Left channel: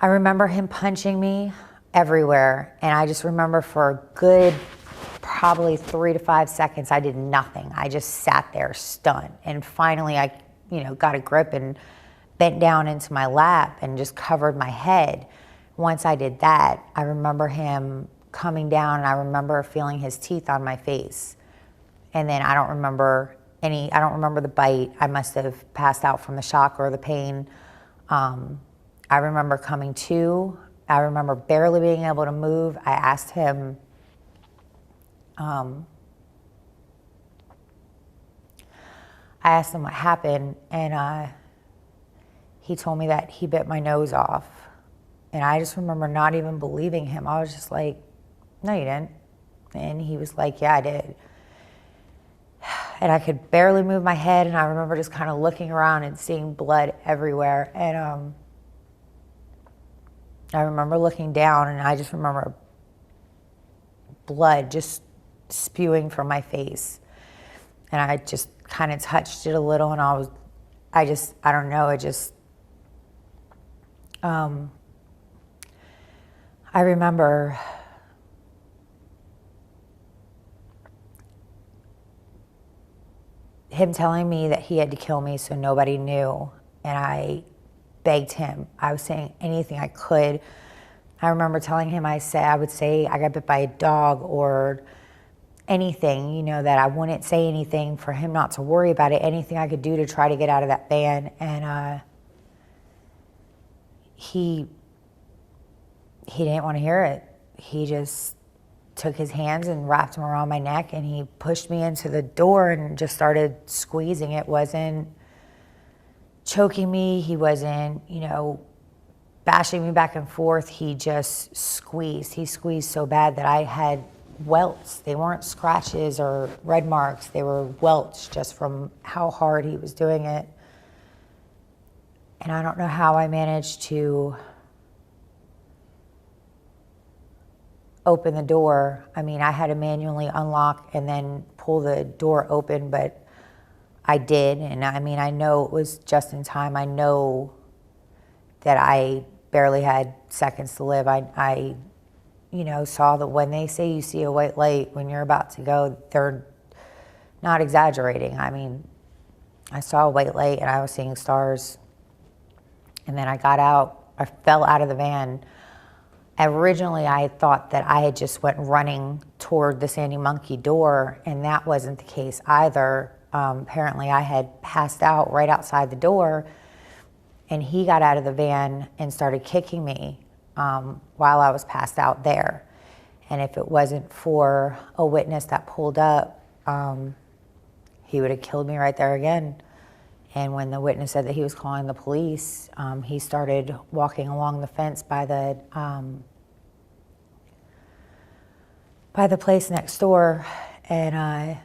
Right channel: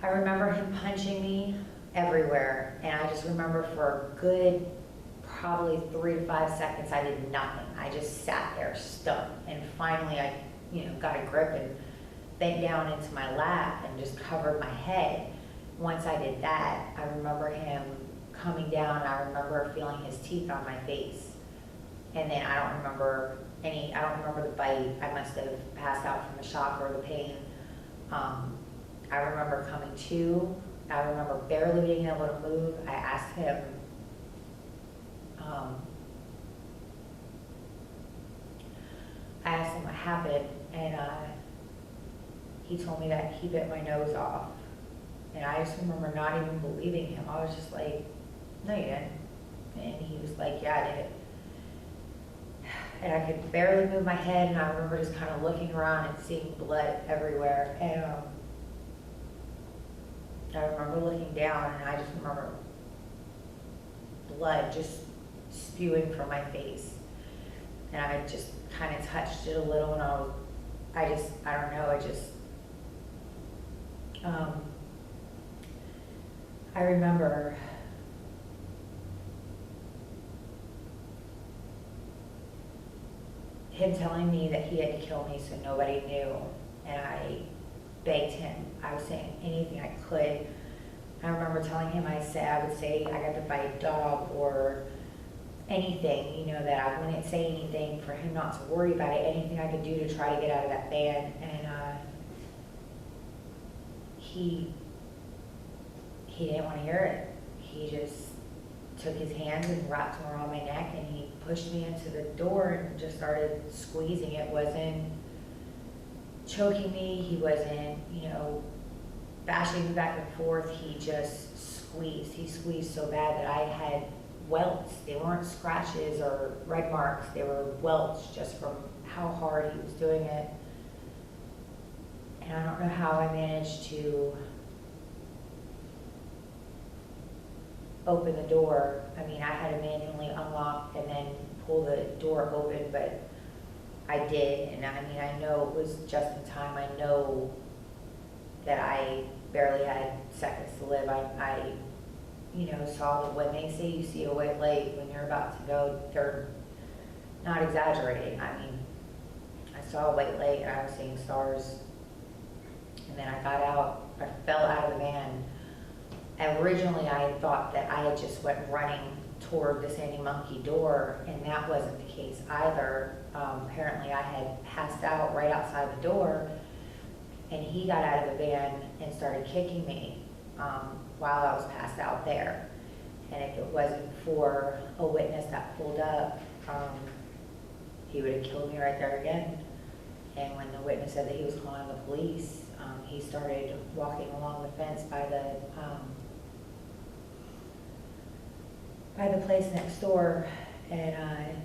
I remember him punching me everywhere, and I just remember for a good probably 3 to 5 seconds I did nothing. I just sat there stunned, and finally I got a grip and bent down into my lap and just covered my head. Once I did that, I remember him coming down, and I remember feeling his teeth on my face. And then I don't remember the bite. I must have passed out from the shock or the pain. I remember coming to. I remember barely being able to move. I asked him, what happened, and he told me that he bit my nose off. And I just remember not even believing him. I was just like, no, you didn't. And he was like, yeah, I did. And I could barely move my head, and I remember just kind of looking around and seeing blood everywhere. And I remember looking down, and I just remember blood just spewing from my face. And I just kind of touched it a little, and I don't know, I remember him telling me that he had to kill me so nobody knew, and I begged him. I was saying anything I could. I remember telling him, I would say I got bit by a dog or anything, that I wouldn't say anything for him not to worry about it, anything I could do to try to get out of that van. And he didn't want to hear it. He just took his hands and wrapped them around my neck, and he pushed me into the door and just started squeezing. It wasn't choking me. He wasn't, bashing me back and forth. He just squeezed. He squeezed so bad that I had welts. They weren't scratches or red marks. They were welts just from how hard he was doing it. And I don't know how I managed to open the door. I mean, I had to manually unlock and then pull the door open, but I did. And I mean, I know it was just in time. I know that I barely had seconds to live. I saw that when they say you see a white light when you're about to go, they're not exaggerating. I mean, I saw a white light and I was seeing stars. And then I got out, I fell out of the van. Originally, I had thought that I had just went running toward the Sandy Monkey door, and that wasn't the case either. Apparently, I had passed out right outside the door, and he got out of the van and started kicking me while I was passed out there. And if it wasn't for a witness that pulled up, he would have killed me right there again. And when the witness said that he was calling the police, he started walking along the fence by the place next door, and